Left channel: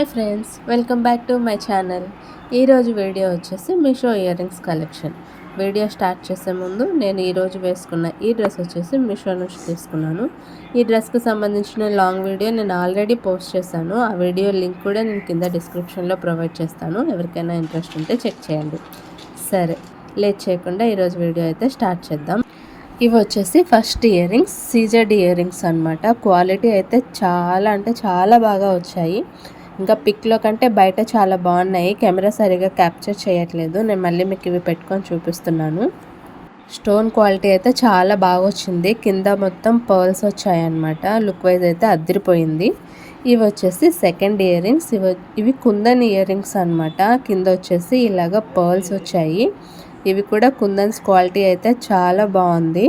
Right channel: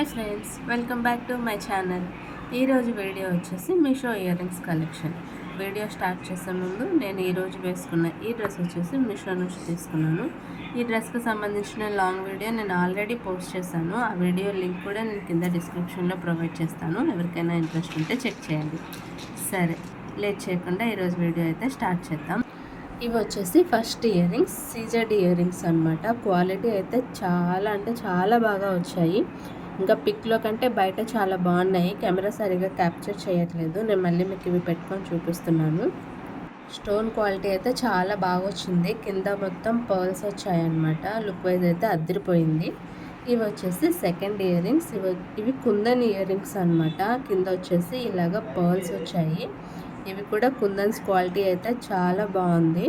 Hi friends, welcome back to my channel. ఈరోజు video వచ్చేసి Meesho ear rings collection. Video start చేసే ముందు నేను ఈరోజు వేసుకున్న ఈ డ్రెస్ వచ్చేసి మీషో నుంచి తీసుకున్నాను. ఈ డ్రెస్కి సంబంధించిన లాంగ్ వీడియో నేను ఆల్రెడీ పోస్ట్ చేశాను. ఆ వీడియో లింక్ కూడా నేను కింద డిస్క్రిప్షన్లో ప్రొవైడ్ చేస్తాను. ఎవరికైనా ఇంట్రెస్ట్ ఉంటే చెక్ చేయండి. సరే, లేట్ చేయకుండా ఈరోజు వీడియో అయితే స్టార్ట్ చేద్దాం. ఇవి వచ్చేసి first ear rings, CZ ear rings అనమాట. క్వాలిటీ అయితే చాలా బాగా వచ్చాయి. ఇంకా పిక్లో కంటే బయట చాలా బాగున్నాయి. కెమెరా సరిగా క్యాప్చర్ చేయట్లేదు. నేను మళ్ళీ మీకు ఇవి పెట్టుకొని చూపిస్తున్నాను. స్టోన్ క్వాలిటీ అయితే చాలా బాగా వచ్చింది. కింద మొత్తం పర్ల్స్ వచ్చాయన్నమాట. లుక్ వైజ్ అయితే అదిరిపోయింది. ఇవి వచ్చేసి సెకండ్ ఇయర్ రింగ్స్. ఇవి కుందన్ ఇయర్ రింగ్స్ అనమాట. కింద వచ్చేసి ఇలాగ పర్ల్స్ వచ్చాయి. ఇవి కూడా కుందన్స్ క్వాలిటీ అయితే చాలా బాగుంది.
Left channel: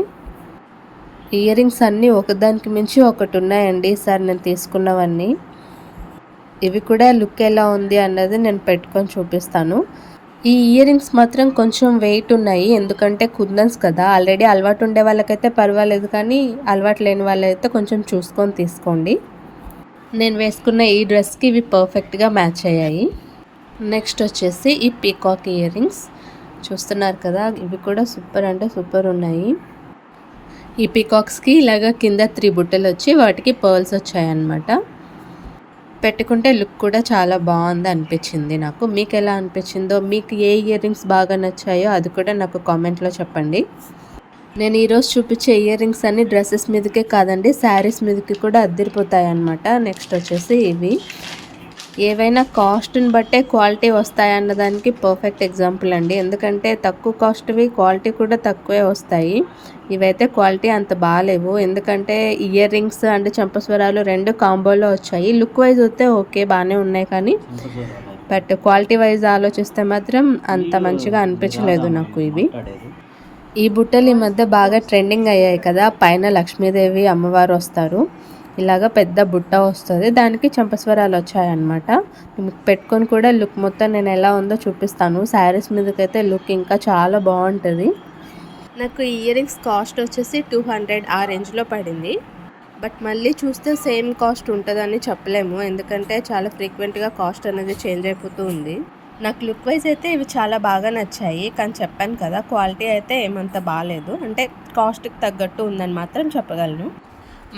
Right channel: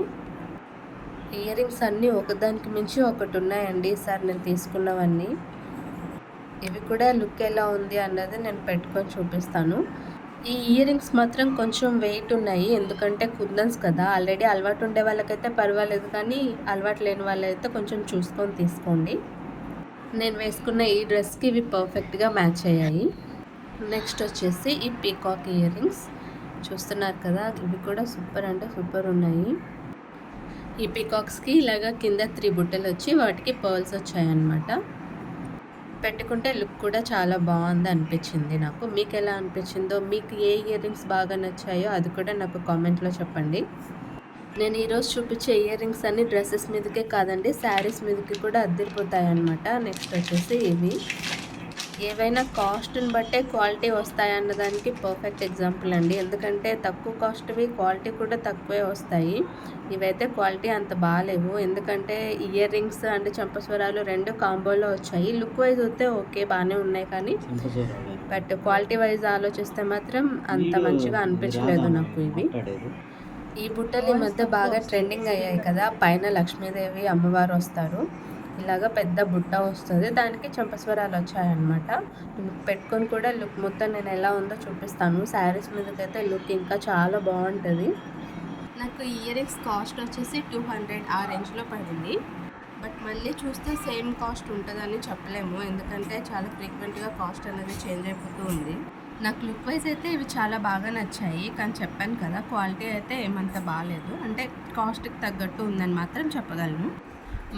ఇయర్ రింగ్స్ అన్నీ ఒకదానికి మించి ఒకటి ఉన్నాయండి ఈసారి నేను తీసుకున్నవన్నీ. ఇవి కూడా లుక్ ఎలా ఉంది అన్నది నేను పెట్టుకొని చూపిస్తాను. ఈ ఇయర్ రింగ్స్ మాత్రం కొంచెం వెయిట్ ఉన్నాయి, ఎందుకంటే కుందన్స్ కదా. ఆల్రెడీ అలవాటు ఉండే వాళ్ళకైతే పర్వాలేదు, కానీ అలవాటు లేని వాళ్ళైతే కొంచెం చూసుకొని తీసుకోండి. నేను వేసుకున్న ఈ డ్రెస్కి ఇవి పర్ఫెక్ట్గా మ్యాచ్ అయ్యాయి. నెక్స్ట్ వచ్చేసి ఈ పీకాక్ ఇయర్ రింగ్స్ చూస్తున్నారు కదా. ఇవి కూడా సూపర్ అంటే సూపర్ ఉన్నాయి. ఈ పీకాక్స్కి ఇలాగ కింద 3 బుట్టలు వచ్చి వాటికి పర్ల్స్ వచ్చాయన్నమాట. పెట్టుకుంటే లుక్ కూడా చాలా బాగుంది అనిపించింది నాకు. మీకు ఎలా అనిపించిందో, మీకు ఏ ఇయర్ రింగ్స్ బాగా నచ్చాయో అది కూడా నాకు కామెంట్లో చెప్పండి. నేను ఈరోజు చూపించే ఇయర్ రింగ్స్ అన్ని డ్రెస్సెస్ మీదకే కాదండి, శారీస్ మీదకి కూడా అద్దరిపోతాయి అన్నమాట. నెక్స్ట్ వచ్చేసి ఇవి ఏవైనా కాస్ట్ని బట్టే క్వాలిటీ వస్తాయన్నదానికి పర్ఫెక్ట్ ఎగ్జాంపుల్ అండి. ఎందుకంటే తక్కువ కాస్ట్వి క్వాలిటీ కూడా తక్కువే వస్తాయి. ఇవైతే క్వాలిటీ అంత బాగాలేవు, ఎందుకంటే ఇయర్ రింగ్స్ అండ్ చంపస్వరాలు 2 కాంబోలో వచ్చాయి. లుక్ వైజ్ అయితే ఓకే బాగానే ఉన్నాయి, కానీ బట్ క్వాలిటీ వైజ్ ఆలోచిస్తే మాత్రం అంత మంచిగా అనిపించలేదు నాకు ఇవి. ఈ బుట్టలు ఈ మధ్య బాగా ట్రెండింగ్ అయ్యాయి కదా. పైన లక్ష్మీదేవి అమ్మవారు వస్తారు, ఇలాగ పెద్ద బుట్ట వస్తుంది, దానికి చంపస్వరాలు వచ్చాయన్నమాట. పెట్టుకొని కూడా లుక్ మొత్తం నేను ఎలా ఉందో చూపిస్తాను. శారీస్ మీదకైతే లుక్ ఇంకా చాలా బాగుంటుంది. నాకు ఇయర్ రింగ్స్ కాస్ట్ వచ్చేసి 200 ఆ రేంజ్లో పడింది. బట్ మళ్ళీ చూస్తే సేమ్ కాస్ట్ ఉంటుందని చెప్పలేము, ఎందుకంటే చాలా ఫ్రీక్వెంట్గా కాస్ట్ అనేది చేంజ్ అయిపోతూ ఉంది. నాకు లుక్ వైజ్ అయితే ఇవి చాలా బాగా నచ్చాయి, కానీ చెప్పాను కదా క్వాలిటీ అయితే ఏమంత బాగాలేదు. అంటే కాస్ట్కి తగ్గట్టు ఉందని మాత్రం చెప్పగలను.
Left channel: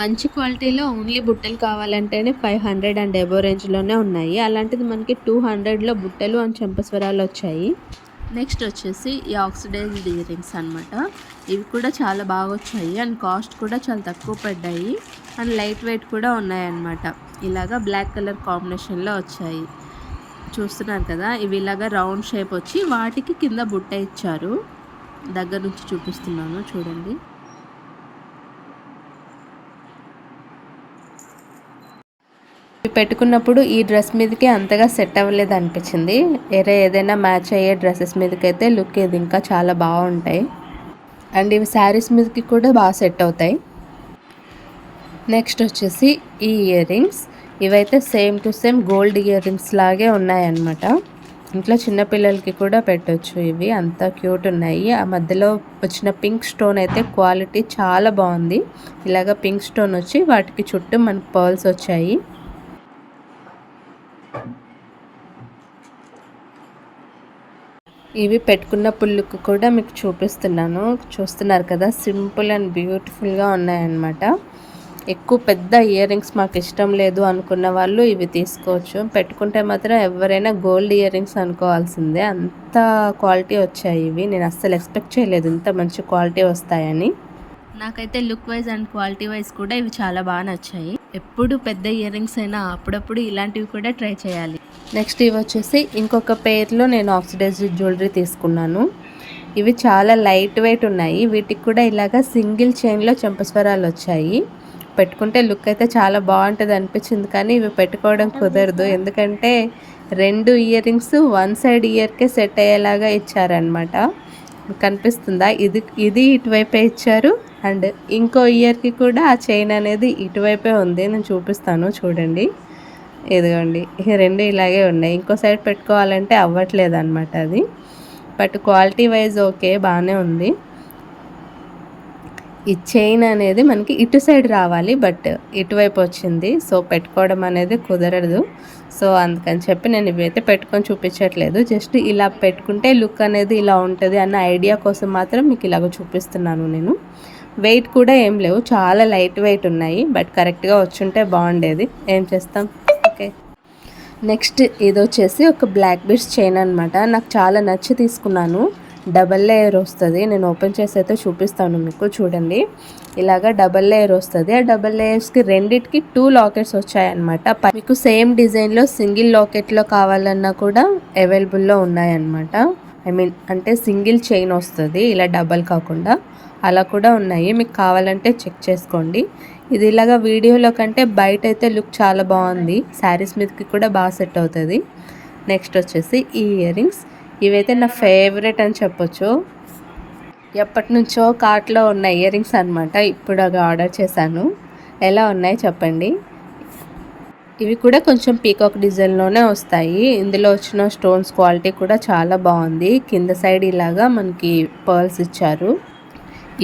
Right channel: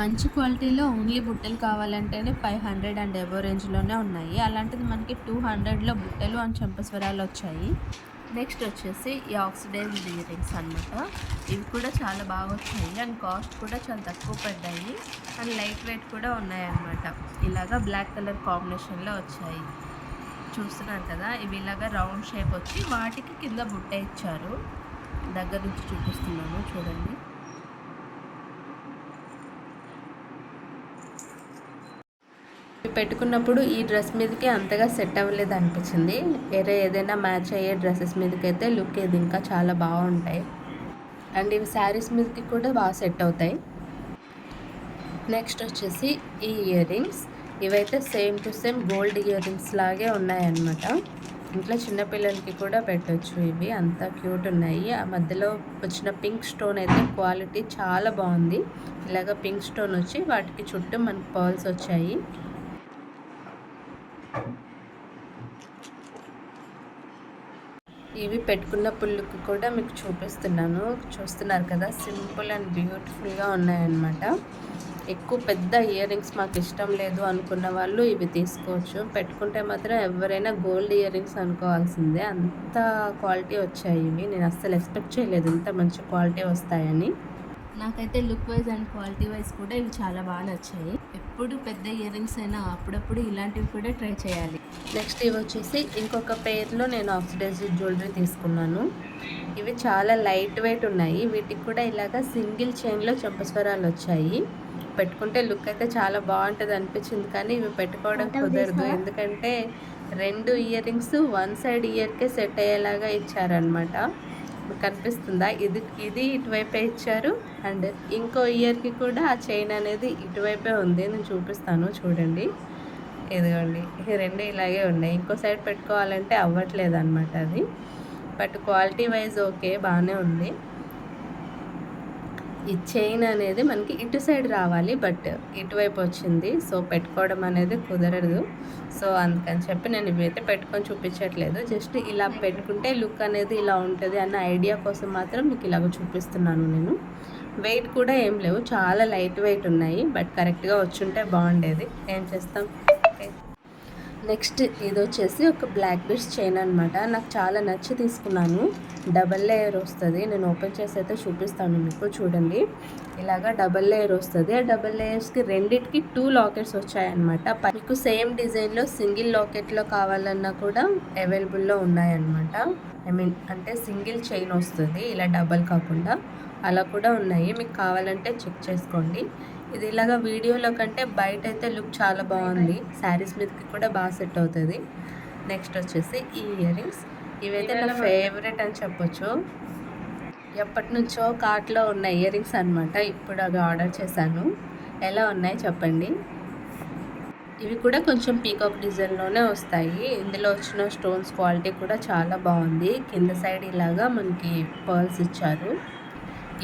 మంచి క్వాలిటీలో ఓన్లీ బుట్టలు కావాలంటేనే 500 అండ్ ఎబో రేంజ్లోనే ఉన్నాయి. అలాంటిది మనకి 200లో బుట్టలు అండ్ చంపస్వరాలు వచ్చాయి. నెక్స్ట్ వచ్చేసి ఈ ఆక్సిడైజ్డ్ ఇయర్ రింగ్స్ అనమాట. ఇవి కూడా చాలా బాగా వచ్చాయి అండ్ కాస్ట్ కూడా చాలా తక్కువ పడ్డాయి అండ్ లైట్ వెయిట్ కూడా ఉన్నాయన్నమాట. ఇలాగా బ్లాక్ కలర్ కాంబినేషన్లో వచ్చాయి. చూస్తున్నారు కదా, ఇవి ఇలాగా రౌండ్ షేప్ వచ్చి వాటికి కింద బుట్ట ఇచ్చారు. దగ్గర నుంచి చూపిస్తున్నాను చూడండి. పెట్టుకున్నప్పుడు ఈ డ్రెస్ మీదకి అంతగా సెట్ అవ్వలేదు అనిపించింది. వేరే ఏదైనా మ్యాచ్ అయ్యే డ్రెస్సెస్ మీదకి అయితే లుక్ ఇది ఇంకా చాలా బాగుంటాయి అండ్ ఇవి శారీస్ మీదకి కూడా బాగా సెట్ అవుతాయి. నెక్స్ట్ వచ్చేసి ఈ ఇయర్ రింగ్స్. ఇవైతే same to same gold ear rings లాగే ఉన్నాయన్నమాట. ఇంట్లో చిన్నపిల్లలకి కూడా పెట్టవచ్చు. ఇవి అంత క్యూట్ ఉన్నాయి. ఆ మధ్యలో వచ్చిన పింక్ స్టోన్ అయితే క్వాలిటీ చాలా బాగుంది. ఇలాగ పింక్ స్టోన్ వచ్చి వాటికి చుట్టూ మనకు పర్ల్స్ వచ్చాయి. ఇవి పెట్టుకున్న పుల్లుకు కూడా మీకు చూపిస్తున్నాను. చూస్తున్నారు కదా, సింపుల్ అండ్ బ్యూటిఫుల్గా ఉన్నాయన్నమాట. ఎక్కువ పెద్ద ఇయర్ రింగ్స్ మాకు ఇష్టం లేదు అనుకున్న వాళ్ళు ఇవి తీసుకోవచ్చు. పెట్టుకుంటే మాత్రం ఎవరైనా గోల్డ్ ఇయర్ రింగ్స్ అనుకోవాల్సిందే, అంత క్వాలిటీ వచ్చాయి ఇవి. నేను అస్సలు ఎక్స్పెక్ట్ చేయలేదు ఇంత మంచి క్వాలిటీ వస్తాయని. నాకైతే look wise and quality wise కూడా ఇవి చాలా బాగా నచ్చాయి. ఎప్పుడు పెద్ద ఇయర్ రింగ్స్ అయినా అప్పుడప్పుడు ఇలాంటివి కూడా ట్రై చేయాలి. నెక్స్ట్ ఇవి వచ్చేసి ఇంకొక పేర్లో నేను ఆక్సిడైజ్డ్ జ్యువెలరీ తీసుకున్నాను. ఇవి చాలా లైట్ వెయిట్ ఉన్నాయి. వీటికి కూడా ఇలాగ సింగిల్ చైన్లో చంపస్వరాలు వచ్చాయి. పెట్టుకుంటే లుక్ అయితే చాలా బాగుంటుంది అనిపించింది, కానీ ఇవి పెట్టుకోవడం కుదరదు, ఎందుకంటే 2 ఇయర్ రింగ్స్ 1 సైడ్ ఇయర్కే సెట్ అయ్యేలాగా ఇచ్చారనమాట. కనిపిస్తుందా, ఇది ఇటువైపే ఇచ్చారు అండ్ ఇంకో ఇయర్కి కూడా ఆ చైన్ అనేది ఇటువైపే ఉంది. నేను చూపిస్తాను చూడండి. ఇదిగోండి, ఈ 2 ఇలాగే ఉన్నాయి. ఇంకో సైడ్ పెట్టుకోవాలంటే అవ్వట్లేదు అనమాట అది. బట్ క్వాలిటీ వైజ్ ఓకే బాగానే ఉంది. ఈ చైన్ అనేది మనకి ఇటు సైడ్ రావాలి, బట్ ఇటువైపు వచ్చింది. సో పెట్టుకోవడం అనేది కుదరదు. సో అందుకని చెప్పి నేను ఇవైతే పెట్టుకొని చూపించట్లేదు. జస్ట్ ఇలా పెట్టుకుంటే లుక్ అనేది ఇలా ఉంటుంది అన్న ఐడియా కోసం మాత్రం మీకు ఇలాగ చూపిస్తున్నాను నేను. వెయిట్ కూడా ఏం లేవు, చాలా లైట్ వెయిట్ ఉన్నాయి. బట్ కరెక్ట్గా వచ్చుంటే బాగుండేది. ఏం చేస్తాం. ఓకే, నెక్స్ట్ ఇది వచ్చేసి ఒక బ్లాక్ బీడ్స్ చైన్ అనమాట. నాకు చాలా నచ్చి తీసుకున్నాను. డబల్ లేయర్ వస్తుంది. నేను ఓపెన్ చేసి అయితే చూపిస్తాను మీకు. చూడండి, ఇలాగా డబల్ లేయర్ వస్తుంది. ఆ డబల్ లేయర్స్కి రెండిటికి 2 లాకెట్స్ వచ్చాయన్నమాట. మీకు సేమ్ డిజైన్లో సింగిల్ లాకెట్లో కావాలన్నా కూడా అవైలబుల్లో ఉన్నాయన్నమాట. అంటే సింగిల్ చైన్ వస్తుంది, ఇలా డబల్ కాకుండా. అలా కూడా ఉన్నాయి, మీకు కావాలంటే చెక్ చేసుకోండి. ఇది ఇలాగా వీడియోలో కంటే బయట అయితే లుక్ చాలా బాగుంది. శారీస్ మీదకి కూడా బాగా సెట్ అవుతుంది. నెక్స్ట్ వచ్చేసి ఈ ఇయర్ రింగ్స్. ఇవైతే నా ఫేవరెట్ అని చెప్పొచ్చు. ఎప్పటి నుంచో కార్ట్లో ఉన్న ఇయర్ రింగ్స్ అనమాట. ఇప్పుడు అవి ఆర్డర్ చేశాను. ఎలా ఉన్నాయి చెప్పండి. ఇవి కూడా కొంచెం పీకాక్ డిజైన్లోనే వస్తాయి. ఇందులో వచ్చిన స్టోన్స్ క్వాలిటీ కూడా చాలా బాగుంది. కింద సైడ్ ఇలాగా మనకి పర్ల్స్ ఇచ్చారు.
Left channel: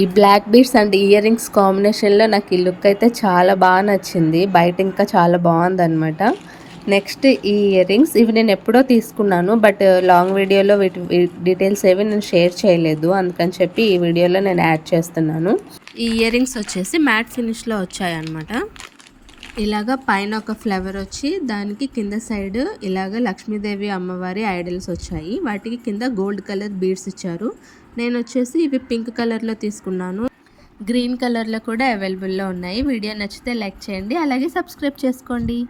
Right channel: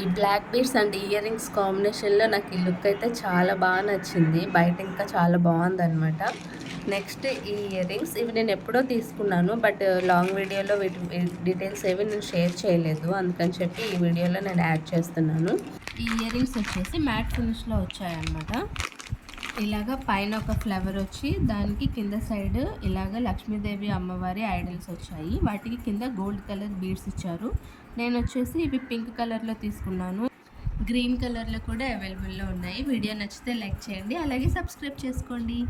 ఈ black beads and earrings కాంబినేషన్లో నాకు ఈ లుక్ అయితే చాలా బాగా నచ్చింది. బయట ఇంకా చాలా బాగుందన్నమాట. నెక్స్ట్ ఈ ఇయర్ రింగ్స్, ఇవి నేను ఎప్పుడో తీసుకున్నాను. బట్ లాంగ్ వీడియోలో వీటి డీటెయిల్స్ ఏవి నేను షేర్ చేయలేదు. అందుకని చెప్పి ఈ వీడియోలో నేను యాడ్ చేస్తున్నాను. ఈ ఇయర్ రింగ్స్ వచ్చేసి మ్యాట్ ఫినిష్లో వచ్చాయన్నమాట. ఇలాగ పైన ఒక ఫ్లవర్ వచ్చి దానికి కింద సైడ్ ఇలాగ లక్ష్మీదేవి అమ్మవారి ఐడల్స్ వచ్చాయి. వాటికి కింద గోల్డ్ కలర్ బీడ్స్ ఇచ్చారు. నేను వచ్చేసి ఇవి పింక్ కలర్లో తీసుకున్నాను. గ్రీన్ కలర్లో కూడా అవైలబుల్లో ఉన్నాయి. వీడియో నచ్చితే లైక్ చేయండి, అలాగే సబ్స్క్రైబ్ చేసుకోండి.